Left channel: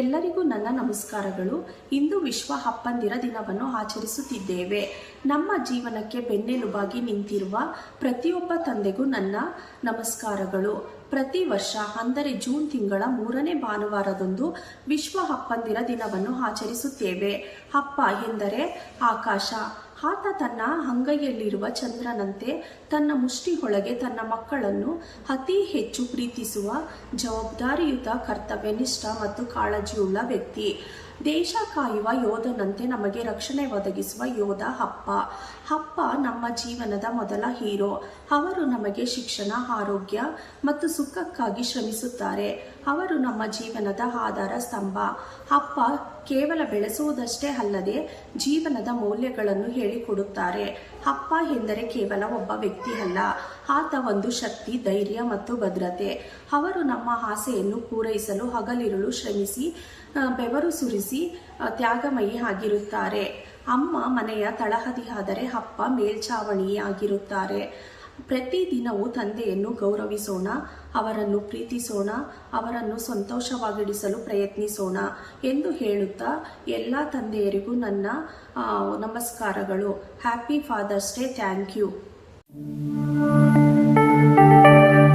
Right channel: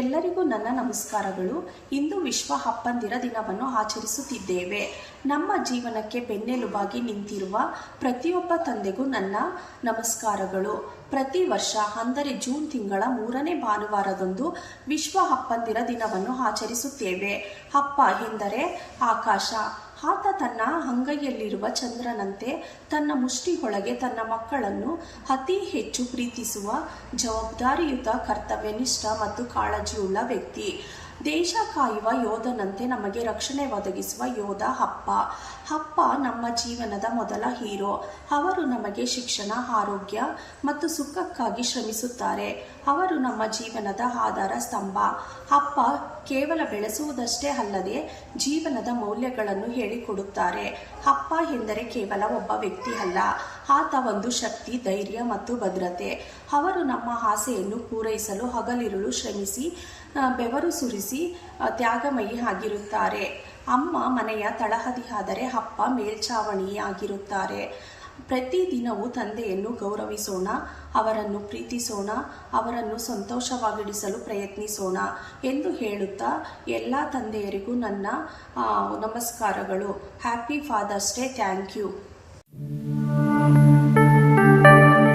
ಎಲ್ಲರಿಗೂ ನನ್ನ ನಮಸ್ಕಾರಗಳು. ಇಂದು ವಿಶ್ವ ಅಪ್ಪಂದಿರ ದಿನವನ್ನು ಆಚರಿಸುತ್ತಿದ್ದೇವೆ. ನಮ್ಮ ಜೀವನಕ್ಕೆ ಬೆನ್ನೆಲುಬಾಗಿ ನಿಂತಿರುವ ಪ್ರತಿಯೊಬ್ಬ ತಂದೆಗೂ ನನ್ನ ನಮಸ್ಕಾರಗಳು. ಪ್ರತಿ ವರ್ಷ ಅಂದರೆ ಜೂನ್ ತಿಂಗಳ 3ನೇ ಭಾನುವಾರದಂದು ವಿಶ್ವ ಅಪ್ಪಂದಿರ ದಿನವನ್ನು ಆಚರಿಸುತ್ತೇವೆ. ಅಪ್ಪ ಎಂದರೆ ಆಕಾಶ. ಆತ ತನ್ನ ಅಂಗೈಯಲ್ಲಿರುವ ಚಂದ್ರನಂತೆ ತನ್ನ ಮುಷ್ಟಿಯೊಳಗೆ ತನ್ನ ಮಕ್ಕಳನ್ನು ಅತಿ ಹೆಚ್ಚು ಪ್ರೀತಿಸುವ ಜವಾಬ್ದಾರಿಯುತ, ಕರ್ತವ್ಯನಿಷ್ಠ ಮತ್ತು ಕಾಳಜಿಯುಳ್ಳ ವ್ಯಕ್ತಿ. ದೇಶ ಕಾಯುವ ಯೋಧನಂತೆ ನಮಗೆ ರಕ್ಷಣೆ ಒದಗಿಸುವ ಯೋಧ ಅಪ್ಪ. ಅಪ್ಪ ನಮ್ಮ ಜೀವನದ ಮೊದಲ ಹೀರೋ. ಅವರು ನಮಗೆ ಶಿಕ್ಷಣ, ಆರೋಗ್ಯ ಮತ್ತು ಸುಖಕ್ಕಾಗಿ ಶ್ರಮಿಸುತ್ತಾರೆ. ಅವರು ನಮ್ಮ ಜೀವನದ ಆಧಾರ ಸ್ತಂಭ. ಅಪ್ಪ ಕೇವಲ ಬೆಳೆಸುವುದಷ್ಟೇ ಅಲ್ಲದೆ ಜೀವನದ ಮೌಲ್ಯಗಳನ್ನು ಹೇಳಿಕೊಡುತ್ತಾರೆ. ಅಪ್ಪ ಎಂದರೆ ಕೇವಲ ಒಬ್ಬ ವ್ಯಕ್ತಿ ಅಲ್ಲ, ಆತ ಒಂದು ಶಕ್ತಿ, ಧೈರ್ಯ ಮತ್ತು ಭದ್ರತೆ. ಅವರು ನಮ್ಮ ಆಸೆಯನ್ನು ಪೂರೈಸಲು ಹಗಲಿರುಳು ಶ್ರಮಿಸಿ ಬೆವರು ಸುರಿಸಿ ತ್ಯಾಗಮಯಿ ಆಗಿರುತ್ತಾರೆ. ಅಮ್ಮ ಮನೆಯ ತಳಹದಿಯಾದರೆ ಅಪ್ಪ ಮೇಲ್ಛಾವಣಿಯಾಗಿರುತ್ತಾರೆ. ಪ್ರತಿದಿನವೂ ತಂದೆಯನ್ನು ಗೌರವಿಸೋಣ, ಅವರನ್ನು ಪ್ರೀತಿಸೋಣ, ಅವರನ್ನು ಸಂತೋಷವಾಗಿಡಿಸಲು ಪ್ರಯತ್ನಿಸೋಣ ಎಂದು ಹೇಳುತ್ತಾ ಎಲ್ಲ ತಂದೆಯರಿಗೂ ನನ್ನ ನಮಸ್ಕಾರಗಳು. Happy father's day. Thank you.